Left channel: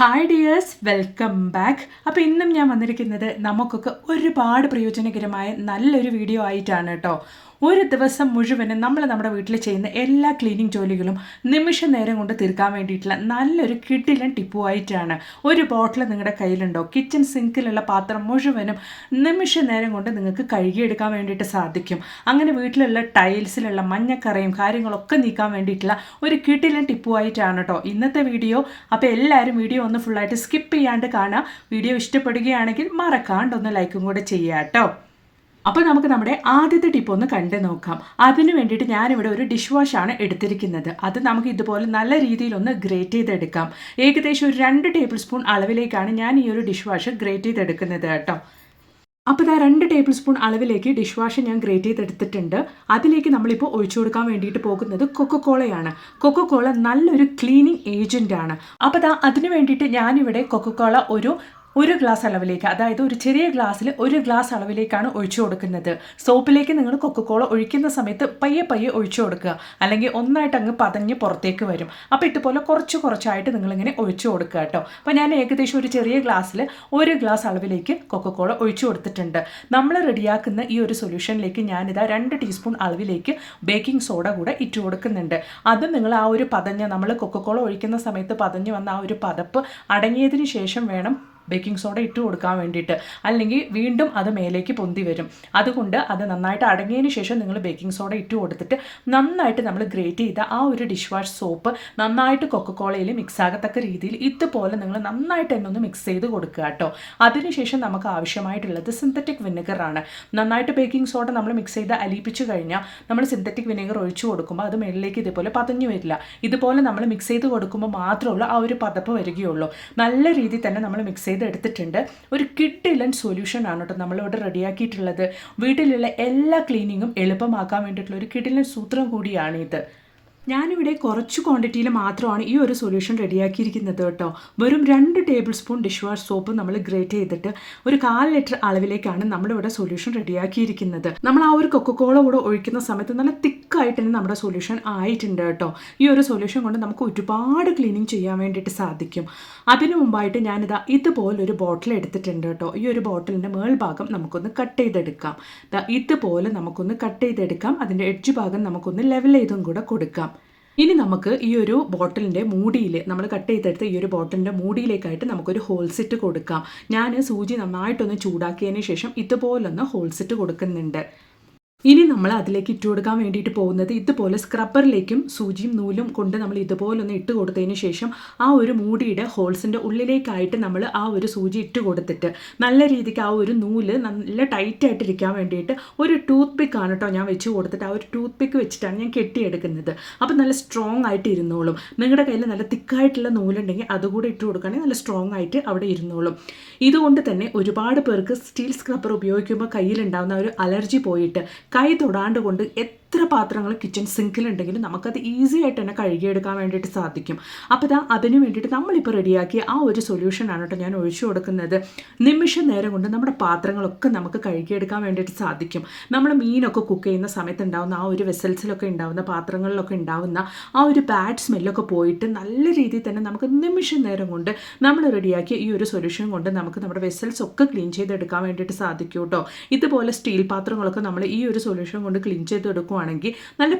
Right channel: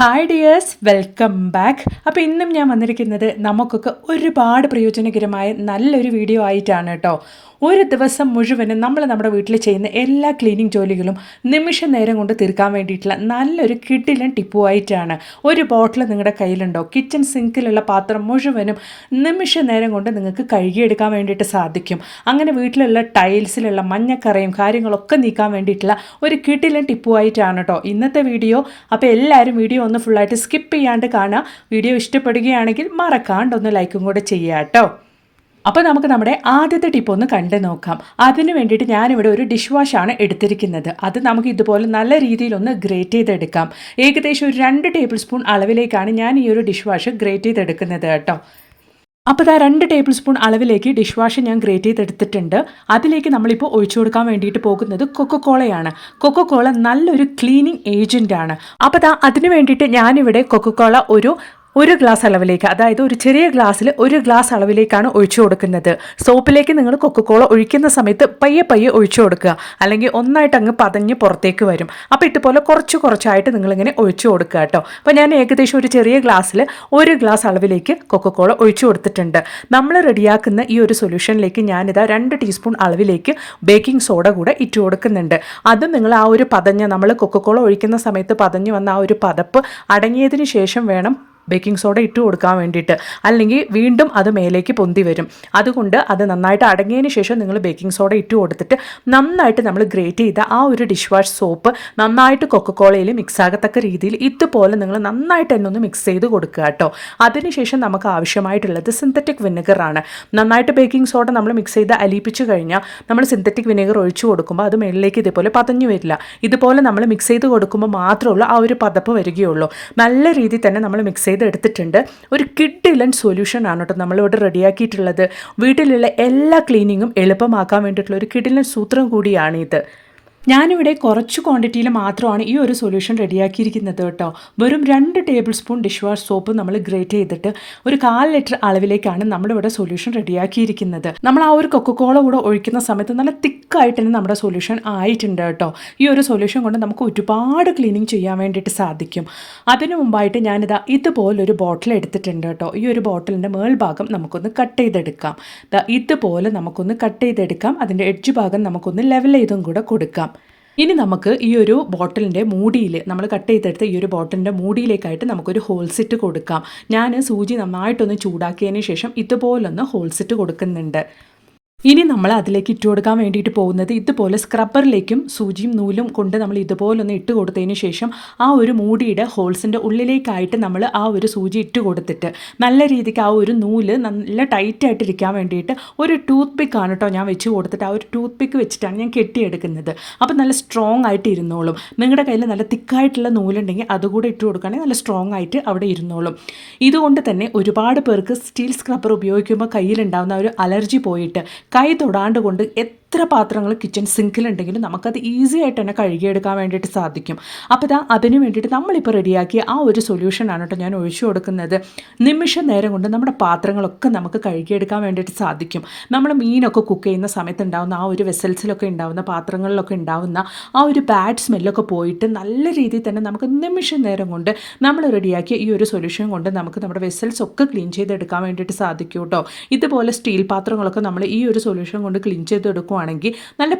Hi dears, welcome back. അപ്പോൾ ഇന്നും ഞാൻ വന്നിരിക്കുന്നത് നമുക്കൊക്കെ ഒരുപാട് പ്രയോജനകരമായ നല്ലൊരു വീഡിയോ ആയിട്ടാണ് കേട്ടോ. ഒരു ദിവസം മുഴുവനും നമ്മൾ നമ്മുടെ വീട്ടിൽ ചെയ്യുന്ന എല്ലാ ക്ലീനിങ് ജോലികളും നിമിഷ നേരം കൊണ്ട് തീർക്കാൻ വേണ്ടിയിട്ടുള്ള നല്ലൊരു കിടിലൻ ടിപ്പുമായിട്ടാണ്. ഒരു ബോട്ടിൽ നിങ്ങളുടെ കയ്യിലുണ്ടോ? കിച്ചൺ സിങ്കിലുള്ള പാത്രം മുഴുവനും നിമിഷ നേരം കൊണ്ട് നിങ്ങൾക്ക് കഴുകിയെടുക്കാൻ വേണ്ടിയിട്ട് സാധിക്കും. അങ്ങനെ വീട്ടിലുള്ള ടൈൽസിലുള്ള മഞ്ഞക്കറയും കാര്യങ്ങളൊക്കെ നീക്കാൻ വേണ്ടിയിട്ടുള്ള ഒരു കിടിലൻ ടിപ്പുമായിട്ടാണ് കേട്ടോ ഇന്നത്തെ വീഡിയോ. അപ്പോൾ എല്ലാവരും വീഡിയോ ഒന്ന് ഫുള്ളായിട്ട് സ്കിപ്പ് ചെയ്യാണ്ട് കാണുക. വീഡിയോ ഇഷ്ടപ്പെടുകയാണെങ്കിൽ മറക്കാണ്ടൊന്ന് ലൈക്കും കൂടെ ചെയ്യുക കേട്ടോ. അപ്പോൾ നമുക്ക് നമ്മുടെ ആദ്യത്തെ ടിപ്പ് ഒന്ന് കണ്ടു നോക്കാം. അതിന് വേണ്ടിയിട്ട് ഞാനിവിടെ ഒരു ഡിഷ് വാഷാണ് എടുത്തിരിക്കുന്നത്. അത് നമുക്ക് ഇതുപോലെ നല്ല രീതിയിലൊന്ന് ഗ്രേറ്റ് ചെയ്തെടുക്കാം. ഏകദേശം ഒരു 2 ടേബിൾ സ്പൂൺ അളവിലേക്കാണ് ഞാൻ ഈ ഒരു ഡിഷ് വാഷ് ഗ്രേറ്റ് ചെയ്തെടുക്കുന്നത് കേട്ടോ. അപ്പോൾ ഇതാ 2 ടേബിൾ സ്പൂൺ അളവിലേക്ക് ഡിഷ് വാഷ് ഞാൻ ഗ്രേറ്റ് ചെയ്തെടുത്തിട്ടുണ്ട്. അതിലേക്ക് നമ്മളിപ്പോൾ ഒഴിച്ചു കൊടുക്കാൻ വേണ്ടിയിട്ട് പോകുന്നത് കൊക്കോക്കോളയാണ്. കൊക്കോക്കോള നല്ലൊരു ക്ലീനിങ് ഏജൻറ്റാണ്. അപ്പോൾ ഇതാ അതിന് വേണ്ടിയിട്ട് ഞാനിവിടെ കൊക്കോക്കോള ഒരു ഗ്ലാസ് അളവിലേക്ക്, അതായത് ഒരു ചെറിയ ഗ്ലാസ്സിൽ 1 ഗ്ലാസ് അളവിലേക്കാണ് ഒഴിച്ചു കൊടുക്കുന്നത്. സോപ്പിലേക്ക് നിങ്ങൾ കൊക്കോക്കോള ഒഴിക്കുന്ന സമയത്ത് പയ്യെ ഒഴിച്ചു കൊടുക്കുക, അല്ലെങ്കിൽ ഒന്നായിട്ട് അങ്ങ് പതഞ്ഞ് പുറത്തേക്ക് വരും. അപ്പോൾ ഇതുപോലെ കുറച്ചായിട്ട് നിങ്ങളിങ്ങനെ ഒഴിച്ചു കൊടുക്കുക കേട്ടോ. അപ്പോൾ ഞാൻ ഏകദേശം ഒരു ചെറിയ ഗ്ലാസ്സിൽ 1 ഗ്ലാസ് അളവിലേക്ക് കൊക്കോക്കോള ഒഴിച്ചു കൊടുത്തിട്ടുണ്ട്. നമ്മൾ റെഡിയാക്കുന്ന ഈ ഒരു സൊല്യൂഷനിലേക്ക് ഞാനിതാ 2 ടീസ്പൂൺ അളവിലേക്ക് ബേക്കിംഗ് സോഡ കൂടെ ഇട്ട് കൊടുക്കുന്നുണ്ട്. അത് നിങ്ങൾ ആ ഒരു നമ്മൾ കൊക്കോക്കോള ഒഴിക്കുന്ന സമയത്ത് പതഞ്ഞ് വന്ന ആ ഒരു പതപ്പ് അടങ്ങിയതിന് ശേഷം വേണം ബേക്കിംഗ് സോഡ ഇട്ട് കൊടുക്കാൻ വേണ്ടിയിട്ട്, അല്ലെങ്കിൽ വീണ്ടും അത് മേലേക്ക് പൊന്തി വരും. അതുകൊണ്ട് അത് നന്നായിട്ട് അടങ്ങിയതിന് ശേഷം നിങ്ങൾ ബേക്കിംഗ് സോഡ ഇട്ട് കൊടുത്തിട്ട് നന്നായിട്ട് നമ്മൾ ഗ്രേറ്റ് ചെയ്ത ആ ഒരു ഡിഷ് വാഷ് സോപ്പ് നന്നായിട്ട് കൊക്കോക്കോളയിൽ മിക്സ് ആകത്തക്ക രീതിയിൽ ഇതുപോലെ നിങ്ങൾ നന്നായിട്ട് തന്നെ ഒന്ന് മിക്സ് ചെയ്ത് കൊടുക്കുക കേട്ടോ. അതിനുശേഷം നമുക്ക് ആവശ്യമായിട്ടുള്ളത് സിന്തറ്റിക് വിനെഗറാണ്. നന്നായിട്ട് ബേക്കിംഗ് സോഡ നമ്മൾ മിക്സ് ചെയ്ത് അലിയിപ്പിച്ച് കഴിഞ്ഞാൽ നമ്മൾ സിന്തറ്റിക് വിനെഗർ ഒഴിച്ചു കൊടുക്കുമ്പോൾ അത് മേളിലേക്ക് ഇതേപോലെ പതഞ്ഞു വരില്ല. ഇതുപോലെ നമ്മൾ മിക്സ് ചെയ്ത് കൊടുക്കുമ്പോൾ മാത്രമുള്ള ആ ഒരു പതപ്പ് വരികയുള്ളൂ. നല്ല രീതിയിൽ തന്നെ നമ്മൾ മിക്സ് എടുത്തിട്ടുണ്ട്. ഒരു കിഡിലൻ സൊല്യൂഷൻ ആണ് കേട്ടോ നമ്മളിവിടെ റെഡിയാക്കിയിട്ടുള്ളത്. വീട്ടിലുള്ള എല്ലാ ക്ലീനിങ്ങും എളുപ്പമാക്കാൻ വേണ്ടിയിട്ടുള്ള ഒരു കിഡിലൻ സൂത്രം കൂടിയാണിത്. ഞാനിവിടെ കുറച്ച് ക്വാണ്ടിറ്റിയിൽ മാത്രമാണ് ഈ ഒരു സൊല്യൂഷൻ റെഡിയാക്കിയിരിക്കുന്നത് കേട്ടോ. വെറും 2 table spoon dish wash soap നമ്മൾ ഗ്രേറ്റ് ചെയ്തിട്ട് ഒരു 1/4 ലിറ്റർ അളവിലേക്കാണ് നമ്മളിവിടെ സൊല്യൂഷൻ റെഡിയാക്കിയിരിക്കുന്നത്. നമ്മൾ ആ ഒരു കൊക്കോക്കോള കൂടെ ഒഴിക്കുന്ന സമയത്ത് നല്ല തിക്കായിട്ട് തന്നെ നമ്മുടെ സൊല്യൂഷൻ ആയിട്ടുണ്ട് കേട്ടോ. ഈ ഒരു സൊല്യൂഷൻ കൊണ്ട് നമുക്ക് ഒരുപാട് ക്ലീനിങ് ചെയ്യാൻ വേണ്ടിയിട്ട് സാധിക്കും. അതിനു മുമ്പായിട്ട് ഞാനിതാ ഇതുപോലൊരു ബോട്ടിൽ എടുത്തിട്ടുണ്ട് കേട്ടോ. ഈ ഒരു ബോട്ടിലിൻ്റെ മേൾഭാഗം നമുക്കൊന്ന് കട്ട് ചെയ്തെടുക്കാം. ഇതുപോലെ നമുക്കൊന്ന് കട്ട് ചെയ്തെടുക്കാം. അതിൻ്റെ എഡ്ജ് ഭാഗം നമുക്കൊന്ന് ലെവൽ ചെയ്തും കൂടെ കൊടുക്കാം. ഇനി നമുക്ക് ഈ ഒരു ബോട്ടിലിൻ്റെ മൂടിയിൽ, നമ്മൾ കട്ട് ചെയ്തെടുത്ത ഈ ഒരു ബോട്ടിലിൻ്റെ മൂടിയിലേക്കായിട്ട് നമുക്കൊരു ഹോൾസിറ്റ് കൊടുക്കാം. ഞാൻ സൂചി നന്നായിട്ടൊന്ന് ചൂടാക്കിയതിന് ശേഷം ഇതുപോലൊന്ന് ഹോൾസിറ്റ് കൊടുക്കുന്നുണ്ട്. ഇനി നമ്മൾ അതിലേക്ക് ഇട്ട് കൊടുക്കാൻ വേണ്ടിയിട്ട് പോകുന്നത് ഇതുപോലെ സ്ക്രബ്ബറിലേക്കും സൂചിയും നൂലും കൊണ്ട് നമ്മൾ ഇതുപോലൊന്ന് ഇട്ട് കൊടുത്തതിന് ശേഷം ആ ഒരു മൂടിയുടെ ഹോൾസിൻ്റെ ഉള്ളിലേക്കായിട്ട് നമ്മൾ ആ ഒരു സൂചി ഇട്ട് കൊടുത്തിട്ട് നല്ല രീതിക്ക് ആ ഒരു നൂല് നല്ല ടൈറ്റായിട്ടിരിക്കാൻ വേണ്ടിയിട്ട് ഒരു ടൂത്ത് പിക്കാണ് കേട്ടോ ഞാൻ വെച്ച് കൊടുത്തിട്ട് ആ ഒരു ടൂത്ത് പിക്ക് വെച്ചിട്ടാണ് ഞാൻ കെട്ടിയെടുക്കുന്നത്. അപ്പോൾ നല്ല സ്ട്രോങ് ആയിട്ട് ഇരുന്നോളും. നിങ്ങളുടെ കയ്യിൽ നല്ല തിക്കായിട്ടുള്ള നൂലുണ്ടെങ്കിൽ അതുകൂടെ ഇട്ട് കൊടുക്കുകയാണെങ്കിൽ നല്ല സ്ട്രോങ് ആയിട്ട് അവിടെ ഇരുന്നോളും. ഇതുകൊണ്ട് തന്നെ ഒരുപാട് പേർക്ക് സ്റ്റീൽ സ്ക്രബ്ബർ ഉപയോഗിക്കുമ്പോൾ കയ്യിലുണ്ടാകുന്ന ഒരു അലർജി പോയിട്ട് കൈ തൊടാണ്ട് കൊണ്ട് എത്ര പാത്രങ്ങൾ കിച്ചൺ സിങ്കിലുണ്ടെങ്കിലും നമുക്കത് ഈസി ആയിട്ട് തന്നെ കഴുകിയെടുക്കാൻ വേണ്ടിയിട്ട് സാധിക്കും. അപ്പോൾ അതിന് വേണ്ടിയിട്ട് നമ്മളിപ്പോൾ റെഡിയാക്കിയ ആ ഒരു സൊല്യൂഷനാണ് കേട്ടോ ഞാൻ ഒഴിച്ചു കൊടുക്കുന്നത്. നിമിഷ നേരം കൊണ്ട് നമ്മുടെ പാത്രങ്ങളൊക്കെ നമുക്ക് കഴുകിയെടുക്കാൻ വേണ്ടിയിട്ട് സാധിക്കും. നമ്മൾ മീനൊക്കെ കുക്ക് ചെയ്യുന്ന സമയത്ത് ഉണ്ടാകുന്ന ആ ഒരു വെസൽസിലൊക്കെ ഉണ്ടാകുന്ന പാത്രങ്ങളിലൊക്കെ ഉണ്ടാകുന്ന ആ ഒരു ബാഡ് സ്മെല്ലൊക്കെ പോയിട്ട് നല്ല രീതിയിൽ തന്നെ നമുക്ക് നിമിഷ നേരം കൊണ്ട് നമ്മൾ റെഡിയാക്കിയ ഈ ഒരു സൊല്യൂഷൻ കൊണ്ട് നമുക്ക് നമ്മുടെ വെസൽസ് ഒക്കെ ക്ലീൻ ചെയ്തെടുക്കാൻ വേണ്ടിയിട്ട് സാധിക്കും കേട്ടോ. ഇതുപോലെ സ്റ്റീൽ പാത്രങ്ങളൊക്കെ നമ്മൾ ഈ ഒരു സൊല്യൂഷൻ കൊണ്ട് ക്ലീൻ ചെയ്തെടുക്കുകയാണെങ്കിൽ നല്ല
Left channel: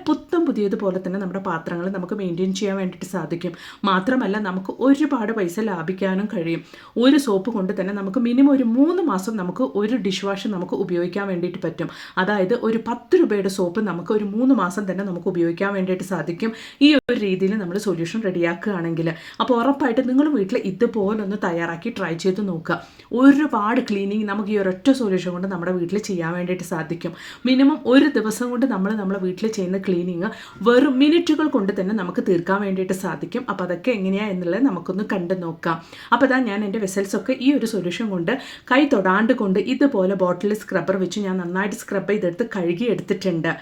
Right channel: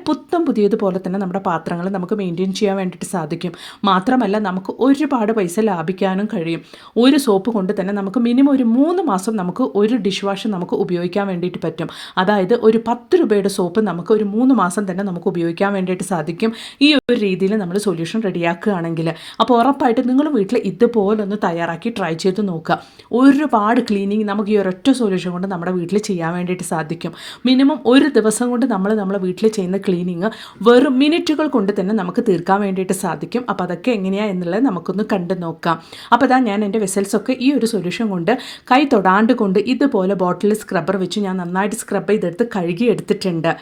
പുതിയതുപോലെ തന്നെ നമ്മുടെ പാത്രങ്ങൾ നമുക്ക് മെയിൻറ്റെയിൻ ചെയ്യാൻ വേണ്ടിയിട്ട് സാധിക്കും. മാത്രമല്ല നമുക്ക് ഒരുപാട് പൈസ ലാഭിക്കാനും കഴിയും. ഒരു സോപ്പ് കൊണ്ട് തന്നെ നമുക്ക് മിനിമം ഒരു 3 മാസം നമുക്ക് ഒരു ഡിഷ് വാഷ് നമുക്ക് ഉപയോഗിക്കാൻ വേണ്ടിയിട്ട് പറ്റും. അതായത് ഒരു 10 രൂപയുടെ സോപ്പ് നമുക്ക് ഒരു 3 മാസം തന്നെ നമുക്ക് ഉപയോഗിക്കാൻ വേണ്ടിയിട്ട് സാധിക്കും ഈ ഒരു രീതിയിൽ നമ്മൾ സൊല്യൂഷൻ റെഡിയാക്കുകയാണെങ്കിൽ. അപ്പോൾ ഉറപ്പായിട്ട് നിങ്ങൾ വീട്ടിൽ ഇതുപോലെ ഒന്ന് തയ്യാറാക്കി ട്രൈ ചെയ്ത് നോക്കുക. ഒരുപാട് ക്ലീനിങ് നമുക്ക് ഈ ഒരൊറ്റ സൊല്യൂഷൻ കൊണ്ട് നമ്മുടെ വീട്ടിൽ ചെയ്യാൻ വേണ്ടിയിട്ട് സാധിക്കും. മിനിമം ഒരു ദിവസം കൊണ്ട് നമ്മളെ വീട്ടിൽ ചെയ്യുന്ന ക്ലീനിങ് വെറും മിനിറ്റുകൾ കൊണ്ട് തന്നെ നമുക്ക് തീർക്കാൻ വേണ്ടിയിട്ട് സാധിക്കും. അപ്പോൾ അതൊക്കെ എങ്ങനെയാണ് എന്നുള്ളത് നമുക്കൊന്ന് കണ്ടു നോക്കാം. അപ്പോൾ ഞാൻ എൻ്റെ വെസൽസൊക്കെ ഈ ഒരു സൊല്യൂഷൻ കൊണ്ട് കൈ തൊടാണ്ട് കൊണ്ട് ഇതുപോലെ ബോട്ടിൽ സ്ക്രബ്ബർ വെച്ച് ഞാൻ നന്നായിട്ട് സ്ക്രബ് ചെയ്തെടുത്ത് കഴുകി എടുത്തിട്ടുണ്ട്.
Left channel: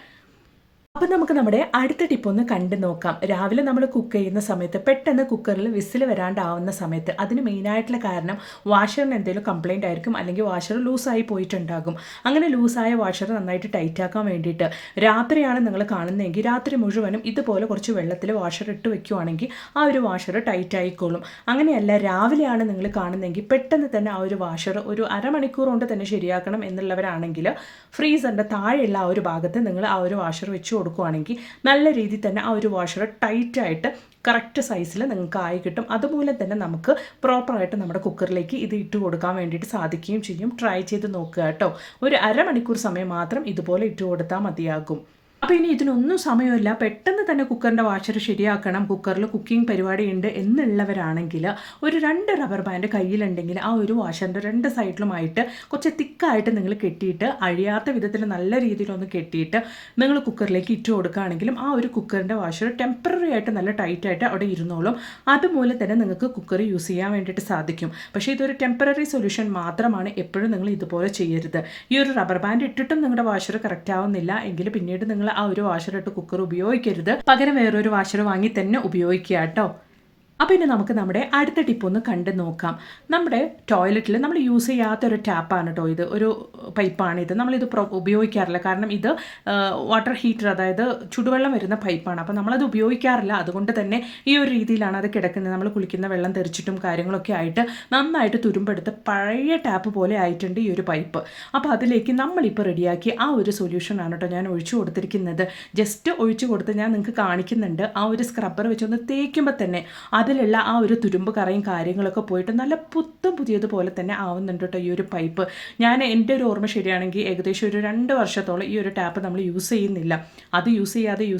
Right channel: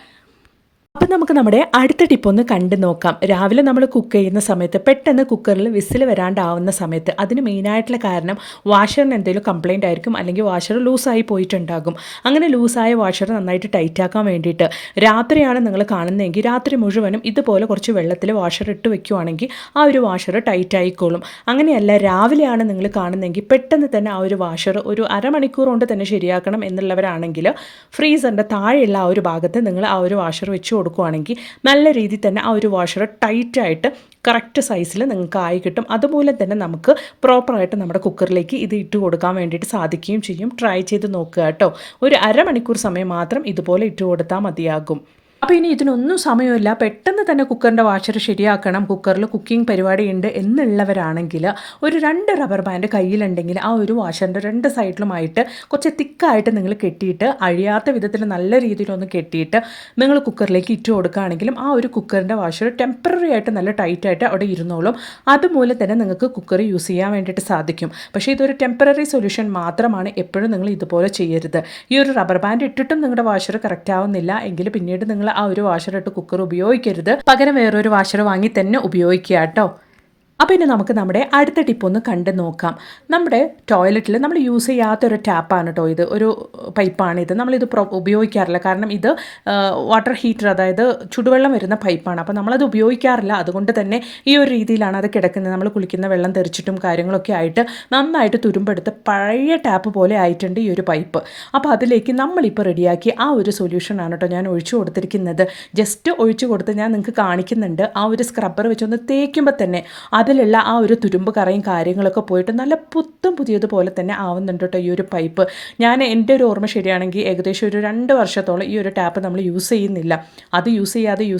അപ്പം നമുക്ക് നമ്മുടെ അടുത്ത ടിപ്പ് ഒന്ന് കണ്ടു നോക്കാം. രാവിലെ നമ്മൾ കുക്ക് ചെയ്യുന്ന സമയത്ത് പെട്ടെന്ന് കുക്കറിൽ വിസിൽ വരാണ്ടാവുന്ന സമയത്ത് അതിന് മെയിനായിട്ടുള്ള കാരണം വാഷറിന് എന്തെങ്കിലും കംപ്ലയിൻ്റ് ആയിരിക്കും, അല്ലെങ്കിൽ വാഷർ ലൂസായി പോയിട്ടുണ്ടാകും. അങ്ങനെ ലൂസായ വാഷർ നന്നായിട്ട് ടൈറ്റാക്കാൻ വേണ്ടിയിട്ട് രാത്രിയാണ് നിങ്ങൾ കാണുന്നതെങ്കിൽ രാത്രി മുഴുവനും ഇതുപോലെ കുറച്ച് വെള്ളത്തിൽ വാഷർ ഇട്ട് വെക്കുവാണെങ്കിൽ ആ ഒരു വാഷർ ടൈറ്റ് ആയിക്കോളും. അങ്ങനെയല്ല രാവിലെയാണ് നിങ്ങൾ കാണുന്നതെങ്കിൽ പെട്ടെന്ന് തന്നെ ആ ഒരു വാഷർ ഒരു അരമണിക്കൂർ കൊണ്ട് തന്നെ ശരിയാക്കണം എന്നുള്ളവരാണെങ്കിൽ ഫ്രീസറിൻ്റെ താഴെയുള്ള ആ ഒരു ഭാഗത്ത് നിങ്ങൾ ആ ഒരു വാഷർ വെച്ച് കൊടുക്കുകയാണെങ്കിൽ നല്ല രീതിയിൽ തന്നെ ആ ഒരു വാഷർ ടൈറ്റായിട്ട് കറക്റ്റ് സൈസിൽ നിങ്ങൾക്ക് ആയി കിട്ടും. അതുപോലെ തന്നെ നമുക്ക് പ്രോപ്പറായിട്ട് നമ്മുടെ കുക്കറിലേക്ക് ഇത് ഇട്ട് കൊടുക്കാൻ വേണ്ടിയിട്ട് സാധിക്കുകയും ചെയ്യും. ട്രൈ ചെയ്ത് നോക്കുക കേട്ടോ. ഒരു അരമണിക്കൂർ സമയം മാത്രം ഇതുപോലെ ഇട്ട് കൊടുത്താൽ മതിയാകും. അപ്പോൾ ഇനി ഇതിനൊന്നും സമയമില്ല, പെട്ടെന്ന് തന്നെ കുക്കറിൻ്റെ വാഷർ ശരിയാക്കണം, കുക്കറിൽ കുക്കിംഗ് പരിപാടി ഉണ്ട് എന്നുള്ളവരാണെങ്കിൽ ഒരു 2 റബ്ബർ ബാൻഡ് കയ്യിലുണ്ടെങ്കിൽ ആ ഒരു വാഷറിൻ്റെ 2 സൈഡിലുമായിട്ട് കുറച്ച് തിക്കായിട്ട് നിങ്ങൾ കെട്ടിയിട്ട് അഴിയാത്ത വിധത്തിൽ നല്ല രീതിയിലൊന്ന് കെട്ടിയിട്ട് നിങ്ങൾ കുക്കറിലേക്ക് ഇട്ട് കൊടുക്കുകയാണെങ്കിലും ആ ഒരു കുക്കറിൻ്റെ വാഷർ ടെമ്പററി ആയിട്ട് നല്ല ടൈറ്റായിട്ട് അവിടെ ഇരുന്നോളും. അതുപോലെ തന്നെ നിങ്ങൾക്ക് കുക്കർ യൂസ് ചെയ്യാൻ വേണ്ടിയിട്ട് സാധിക്കും. പക്ഷേ ഇതൊരു ടെമ്പററി സൊല്യൂഷൻ മാത്രമാണ്, എപ്പോഴും നിങ്ങൾ ഇതുപോലെ ചെയ്യരുത്. ഈ ഒരു റബ്ബർ ബാൻഡ് ഇട്ടിട്ടും നിങ്ങളുടെ വാഷർ കറക്റ്റ് ആവുന്നില്ല എങ്കിൽ പിന്നീട് നിങ്ങൾ ആ ഒരു വാഷറിട്ട് കുക്കർ ഉപയോഗിക്കരുത്, പകരം വേറൊരു വാഷർ വാങ്ങി തന്നെ ഉപയോഗിക്കുക കേട്ടോ. അപ്പോൾ ഇനി നമുക്ക് നമ്മുടെ അടുത്ത ടിപ്പ് ഒന്ന് കണ്ടു നോക്കാം. നമ്മുടെ ടോയ്ലറ്റിൽ നമ്മൾ യൂസ് ചെയ്യാത്തൊരു ടാപ്പാണ് കേട്ടോ ഇത്, ഒരു പൈപ്പാണിത്. നമ്മളിത് ഉപയോഗിക്കാറില്ല, കാരണം ഇത് വാട്ടർ ഹീറ്റർ, അതായത് ചുടുവെള്ളം വരുന്ന പൈപ്പാണ്. അപ്പോൾ നമ്മളത് ഉപയോഗിക്കാറില്ല, അതുകൊണ്ട് തന്നെ ഈ ഒരു രീതിയിലാണ് അത് കിടക്കുന്നത്. നമ്മൾ കുളിക്കുന്ന വെള്ളം തെറിച്ചിട്ടും കാര്യങ്ങളൊക്കെ ആയിട്ട് നന്നായിട്ട് തുരുമ്പെടുത്ത് പഴയ ടാപ്പ് പോലെ ആയിട്ടുണ്ട് ഈ ഒരു പൈപ്പ്. അപ്പോൾ അതിലേക്ക് നമ്മളിപ്പോൾ റെഡിയാക്കി ആ ഒരു സൊല്യൂഷനാണ് കേട്ടോ ഞാൻ ഒഴിച്ചു കൊടുത്തിരിക്കുന്നത്. ജസ്റ്റ് ഒഴിച്ചു കൊടുത്ത് ഞാൻ നിങ്ങൾക്ക് കാണിക്കുന്നുണ്ട്. ആ ഒരു സ്ക്രബ്ബർ വെച്ചൊന്ന് തേക്കുമ്പോൾ തന്നെ അതിലുള്ള ആ ഒരു തുരുമ്പ് കറയും കാര്യങ്ങളൊക്കെ പോയിട്ട് നല്ല പുതിയതുപോലെ തന്നെ ആവുന്നുണ്ട് കേട്ടോ ഈ ഒരു പൈപ്പ്. ഞാൻ എൻ്റെ ഒരു ഓർമ്മ ശരിയാണെങ്കിൽ ഏകദേശം ഒരു 2 വർഷത്തോളം ഈ ഒരു ടാപ്പ് നമ്മൾ യൂസ് ചെയ്യുന്നില്ല. അത് യൂസ്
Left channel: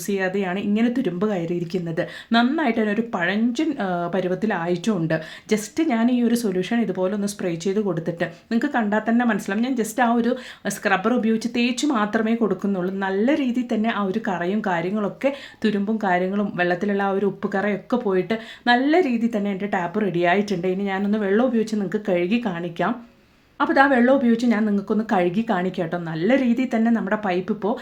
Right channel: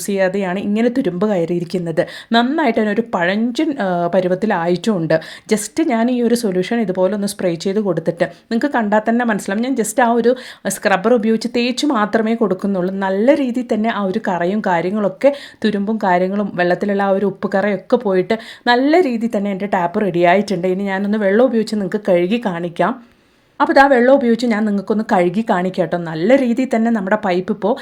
ചെയ്യാതെയാണ് ഇങ്ങനെ തുരുമ്പ് കയറിയിരിക്കുന്നത്. നന്നായിട്ട് അതിനൊരു പഴഞ്ചൻ പരുവത്തിലായിട്ടുമുണ്ട്. ജസ്റ്റ് ഞാൻ ഈ ഒരു സൊല്യൂഷൻ ഇതുപോലെ ഒന്ന് സ്പ്രേ ചെയ്ത് കൊടുത്തിട്ട് നിങ്ങൾക്ക് കണ്ടാൽ തന്നെ മനസ്സിലാവും. ഞാൻ ജസ്റ്റ് ആ ഒരു സ്ക്രബ്ബർ ഉപയോഗിച്ച് തേച്ച് മാത്രമേ കൊടുക്കുന്നുള്ളൂ. നല്ല രീതിയിൽ തന്നെ ആ ഒരു കറയും കാര്യങ്ങളൊക്കെ, തുരുമ്പും കാര്യങ്ങളും, വെള്ളത്തിലുള്ള ആ ഒരു ഉപ്പ് കറയൊക്കെ പോയിട്ട് നല്ല രീതിയിൽ തന്നെ എൻ്റെ ടാപ്പ് റെഡി ആയിട്ടുണ്ട്. ഇനി ഞാനൊന്ന് വെള്ളം ഉപയോഗിച്ച് നിങ്ങൾക്ക് കഴുകി കാണിക്കാം. അപ്പോൾ ഇതാ വെള്ളം ഉപയോഗിച്ച് ഞാൻ നിങ്ങൾക്കൊന്ന് കഴുകി കാണിക്കാം കേട്ടോ. നല്ല രീതിയിൽ തന്നെ നമ്മുടെ പൈപ്പ് ഇപ്പോൾ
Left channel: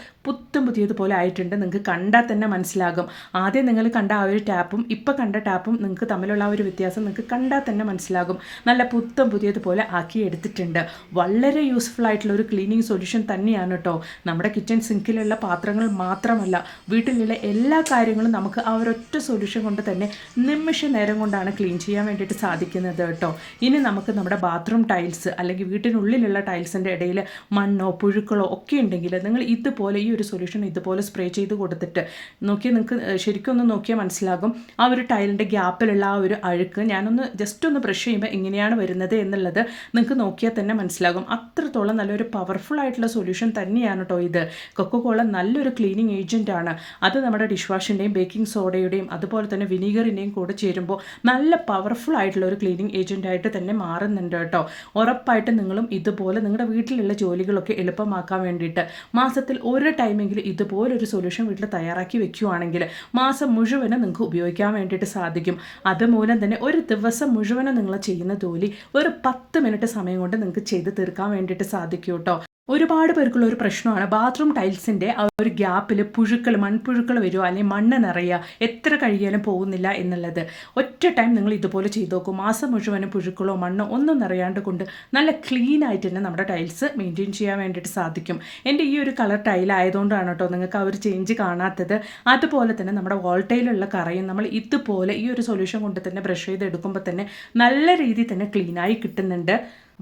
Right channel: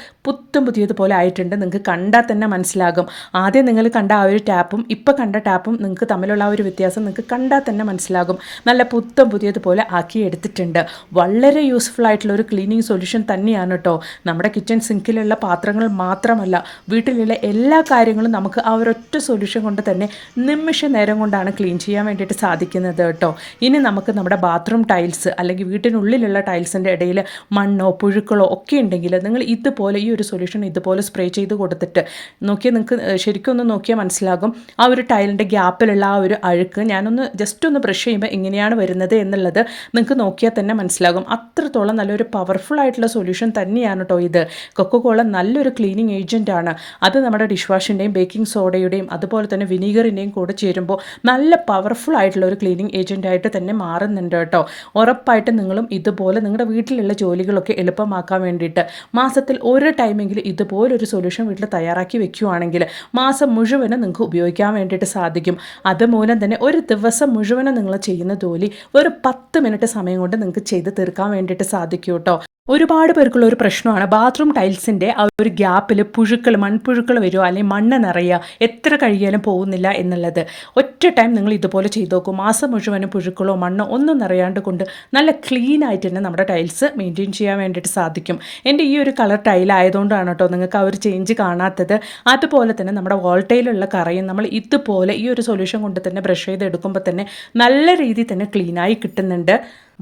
പുതിയതുപോലെ ആയിട്ടുണ്ട്. നിങ്ങൾക്ക് കണ്ടാൽ തന്നെ മനസ്സിലാകും. ആദ്യം നിങ്ങൾ കണ്ട ആ ഒരു ടാപ്പും ഇപ്പോൾ കണ്ട ടാപ്പും നിങ്ങൾക്ക് തമ്മിലുള്ള ആ ഒരു വ്യത്യാസം നിങ്ങൾക്ക് കണ്ടാൽ തന്നെ മനസ്സിലാകും. നല്ല പുതിയതുപോലെ ആക്കി എടുത്തിട്ടുണ്ട്. വളരെ യൂസ്ഫുൾ ആയിട്ടുള്ള ഒരു ക്ലീനിങ് സൊല്യൂഷൻ തന്നെയാണ് കേട്ടോ. നമ്മുടെ കിച്ചൺ സിങ്കിലുള്ള പാത്രങ്ങൾ മാത്രമല്ല, വീട്ടിലുള്ള എല്ലാ കാര്യങ്ങളും നമുക്ക് ആ ഒരൊറ്റ സൊല്യൂഷൻ കൊണ്ട് തന്നെ നിമിഷ നേരം കൊണ്ടാണ് ക്ലീൻ ചെയ്യാൻ വേണ്ടിയിട്ട് സാധിക്കുന്നത് കേട്ടോ. ഇനി നമുക്ക് നമ്മുടെ ബാത്റൂം ടൈൽസ് അല്ലെങ്കിൽ വീട്ടിനുള്ളിലുള്ള ടൈൽസിൻ്റെ ഇടയിൽ മണ്ണോ പുഴുക്കളോ ഒക്കെ ഉണ്ടെങ്കിൽ നിങ്ങൾ ഇതുപോലെ ഈ ഒരു സൊല്യൂഷൻ ഇതുപോലെ സ്പ്രേ ചെയ്ത് കൊടുത്തിട്ട് നോക്കിയാൽ നിങ്ങൾക്ക് ശരിക്കും ഒന്ന് നോക്കിയാൽ മനസ്സിലാകും. ആ ഒരു ടൈലിൻ്റെ ഗ്യാപ്പിലുള്ള ആ ഒരു അഴുക്ക് ഞാനൊന്ന് ജസ്റ്റ് ഒന്ന് ബ്രഷ് ചെയ്യുമ്പോൾ എങ്ങനെയാണ് വരുന്നത് എന്നുള്ളത് നിങ്ങൾക്ക് നോക്കിയാൽ തന്നെ മനസ്സിലാകും. അത്രത്തോളം നല്ലൊരു പവർഫുൾ ആയിട്ടുള്ള സൊല്യൂഷൻ തന്നെയാണ് കേട്ടോ ഇത്. കൊക്കോകോള നല്ലൊരു ക്ലീനിങ് ഏജൻറ്റാണ്. അത് നമ്മുടെ ഡിഷ് വാഷിൻ്റെയും ബേക്കിംഗ് സോഡയുടെയും അതുപോലെ തന്നെ വിനീഗറിൻ്റെയും കൂടെ ചേരുമ്പോൾ നല്ല പവർഫുൾ ആയിട്ടുള്ള ഒരു ക്ലീനിങ് ഏജൻറ്റായിട്ട് തന്നെ മാറുന്നുണ്ട് കേട്ടോ. ഉറപ്പായിട്ട് നിങ്ങളും ഇതുപോലെ നിങ്ങളുടെ വീട്ടിലുള്ള ജോലികളൊക്കെ എളുപ്പമാക്കാൻ വേണ്ടിയിട്ട് മാസത്തിൽ ഒരു ടൈമെങ്കിലും ഇതുപോലൊരു സൊല്യൂഷൻ വീട്ടിൽ തയ്യാറാക്കി വെക്കുകയാണെങ്കിൽ മാസം മുഴുവനും നിങ്ങൾക്ക് ഉപയോഗിക്കാൻ വേണ്ടിയിട്ട് സാധിക്കും. അതുമൂലം തന്നെ ഒരു ദിവസം മുഴുവനും നിങ്ങൾ ചെയ്യുന്ന ജോലി ഒരു 10 മിനിറ്റ് സമയം കൊണ്ട് നിങ്ങൾക്ക് ചെയ്ത് തീർക്കാൻ വേണ്ടിയിട്ട് സാധിക്കും കേട്ടോ. ഒരുപാട് പേർക്കുള്ള ഒരു പ്രശ്നമാണ് ബാത്റൂം ടൈൽസിൻ്റെ ആ ഒരു ഗ്യാപ്പിൽ മൺപുഴുക്കൾ വരുമോ അല്ലെങ്കിൽ മണ്ണ് നിറയുക, എത്ര കഴിയാലും പോകുന്നില്ല എന്നുള്ളത്. ഒറ്റ ടൈം നിങ്ങൾ ഇതുപോലെ ചെയ്ത് നോക്കും, മാസം മുഴുവനും പുഴുക്കളോ മണ്ണോ ഒന്നും നിറയാണ്ട് കൊണ്ട് നല്ല ക്ലീൻ ആയിട്ട് തന്നെ നമ്മുടെ ടൈൽസ് മെയിൻറ്റെയിൻ ചെയ്യാൻ വേണ്ടിയിട്ട് സാധിക്കും. എൻ്റെ ഈ ഒരു കളർ ടൈലായതുകൊണ്ടാണ് കേട്ടോ നിങ്ങൾക്ക് ആ ഒരു ചേഞ്ച് കാണാത്തത്. അതുപോലെ തന്നെ നമ്മുടെ വോൾട്ടയിലുള്ള കറയും നമ്മൾ ഇതുപോലെ ഈ ഒരു സൊല്യൂഷൻ കൊണ്ട് തന്നെ ബ്രഷ് ചെയ്തെടുക്കുമ്പോൾ തന്നെ നല്ല രീതിയിൽ തന്നെ ക്ലീനായി കിട്ടുന്നുണ്ട്.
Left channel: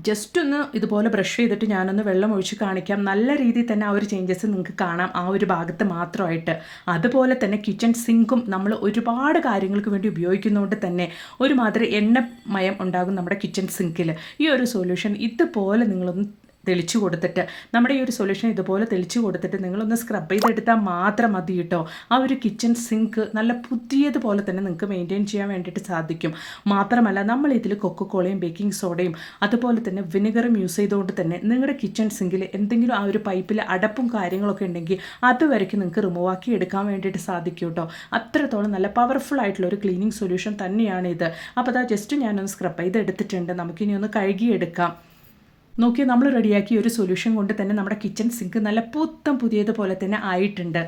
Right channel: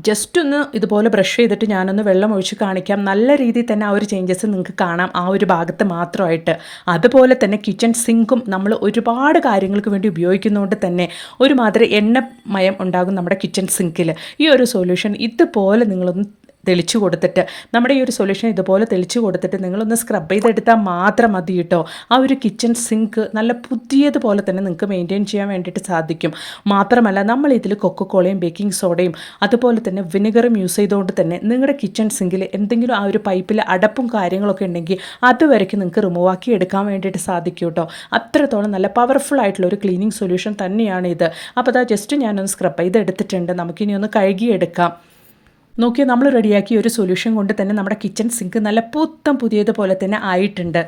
ജസ്റ്റ് ഒന്ന് ഇതുപോലെ ബ്രഷ് ചെയ്തിട്ട് ഞാനൊന്ന് വെള്ളം ഒഴിച്ച് കാണിക്കാം. നല്ല രീതിയിൽ തന്നെ ആ ഒരു ചേഞ്ചസ് നിങ്ങൾക്ക് കാണാം ആ ഒരു ഭാഗത്ത് മാത്രമായിട്ട്. അതുപോലെ തന്നെ കിച്ചൺ സിങ്കും നമ്മൾ ഒരുപാട് കാര്യങ്ങൾക്ക് വേണ്ടി ഉപയോഗിക്കുന്നതുകൊണ്ട് തന്നെ ഒരുമാതിരി എണ്ണമയം ഉണ്ടാകും നമ്മുടെ കിച്ചൺ സിങ്കിൽ. ഈ ഒരു സൊല്യൂഷൻ ഇതുപോലെ നിങ്ങളൊന്ന് തെളിച്ചു കൊടുത്തിട്ട്, നമ്മുടെ ഈ ഒരു സൊല്യൂഷൻ ഇതുപോലെ തെളിച്ചു കൊടുത്തിട്ട് നിങ്ങളൊന്ന് സ്ക്രബ് ചെയ്തെടുത്താൽ മാത്രം മതി കേട്ടോ. ആ ഒരു കിച്ചൺ സിങ്ക് നല്ല പുതിയതുപോലെ തന്നെ നിങ്ങൾക്ക് മെയിൻറ്റെയിൻ ചെയ്യാൻ വേണ്ടിയിട്ട് സാധിക്കും. മാത്രമല്ല നമ്മൾ ഇതിൽ കൊക്കോകോളയും ബേക്കിംഗ് സോഡയും അതുപോലെ തന്നെ വിനെഗറും യൂസ് ചെയ്തുകൊണ്ട് തന്നെ നിങ്ങളുടെ കിച്ചൺ സിങ്കിൽ എന്തെങ്കിലും ആ ഒരു പൈപ്പിൽ അടപ്പും കാര്യങ്ങളൊക്കെ ഉണ്ടെങ്കിൽ അതുവരയ്ക്ക് നിങ്ങൾക്ക് റിമൂവ് ആക്കി എടുക്കാൻ വേണ്ടിയിട്ട് സാധിക്കും കേട്ടോ. അത്രത്തോളം നല്ല പവർഫുൾ ആയിട്ടുള്ള ഒരു ക്ലീനിങ് സൊല്യൂഷൻ തന്നെയാണ് ഇത്. അപ്പോൾ അതാ ജസ്റ്റ് ഞാനൊന്ന് സ്ക്രബ് ചെയ്തെടുത്തിട്ടുണ്ട്. നമുക്കിനി ഒന്ന് കഴുകിയെടുക്കാം. നോക്കിയാൽ നമ്മൾ റെഡിയാക്കിയ ഒരു സൊല്യൂഷൻ കൊണ്ട് തന്നെ നമ്മുടെ കിച്ചൺ സിങ്ക് നല്ല പുതിയതുപോലെ തന്നെ ആയിട്ടുണ്ട്.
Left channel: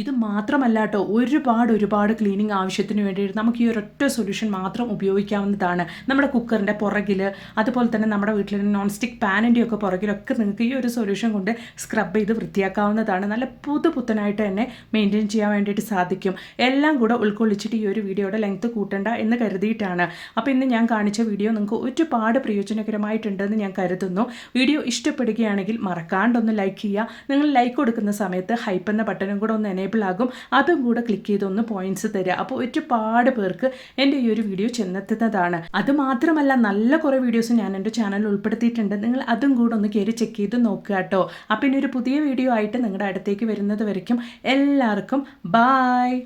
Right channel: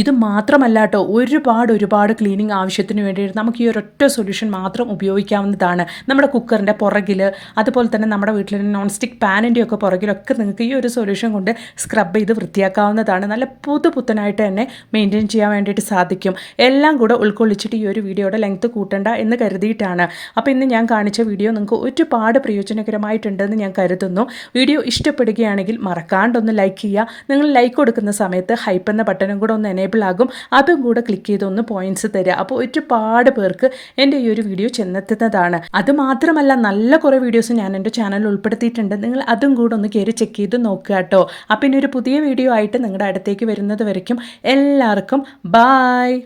ഇത് മാത്രമല്ല കേട്ടോ, ഒരുപാട് ക്ലീനിങ് ആവശ്യത്തിന് വേണ്ടിയിട്ട് നമുക്ക് ഈ ഒരൊറ്റ സൊല്യൂഷൻ മാത്രം ഉപയോഗിക്കാവുന്നതാണ്. നമ്മുടെ കുക്കറിൻ്റെ പുറകിൽ, അതുപോലെ തന്നെ നമ്മുടെ വീട്ടിൽ നോൺ സ്റ്റിക്ക് പാനിൻ്റെ ഒക്കെ പുറകിലൊക്കെ നിങ്ങൾക്ക് ഈ ഒരു സൊല്യൂഷൻ കൊണ്ട് സ്ക്രബ് ചെയ്ത് വൃത്തിയാക്കാവുന്നതാണ്. നല്ല പുതുപുത്തനായിട്ട് തന്നെ മെയിൻറ്റെയിൻ ചെയ്യാൻ വേണ്ടിയിട്ട് സാധിക്കും. എല്ലാം കൂടെ ഉൾക്കൊള്ളിച്ചിട്ട് ഈ ഒരു വീഡിയോയുടെ ലെങ്ത്ത് കൂട്ടണ്ട എന്ന് കരുതിയിട്ടാണ്. അപ്പോൾ ഇന്ന് ഞാൻ കാണിച്ച വീഡിയോ നിങ്ങൾക്ക് ഒരുപാട് പ്രയോജനകരമായിട്ടുണ്ടെന്ന് ഞാൻ കരുതുന്നു. വീഡിയോ ഇഷ്ടപ്പെടുകയാണെങ്കിൽ മറക്കാണ്ടൊന്ന് ലൈക്ക് ചെയ്യുക. നിങ്ങൾ ലൈക്ക് കൊടുക്കുന്ന സമയത്ത് ഹൈപ്പ് എന്ന ബട്ടണും കൂടെ ഒന്ന് എനേബിൾ ആകും. അതും കൂടെ ക്ലിക്ക് ചെയ്തൊന്ന് പോയിന്റ്സ് തരിക. അപ്പോൾ ഒരുപാട് പേർക്ക് എൻ്റെ ഈ ഒരു വീഡിയോ ചെന്നെത്തുന്നതാണ്. അതുമാത്രമല്ല, നല്ല കുറേ വീഡിയോസ് ഞാൻ എൻ്റെ ചാനലിൽ ഉൾപ്പെടുത്തിയിട്ടുണ്ട്. നിങ്ങൾ അതും കൂടെ ഒന്ന് കയറി ചെക്ക് ചെയ്ത് നോക്കുക കേട്ടോ. അപ്പോൾ ഇനി ഒരു പുതിയ വീഡിയോ ആയിട്ട് നിങ്ങളുടെ അടുത്തേക്ക് വരുന്നത് വരയ്ക്കും എല്ലാവർക്കും ബായ്.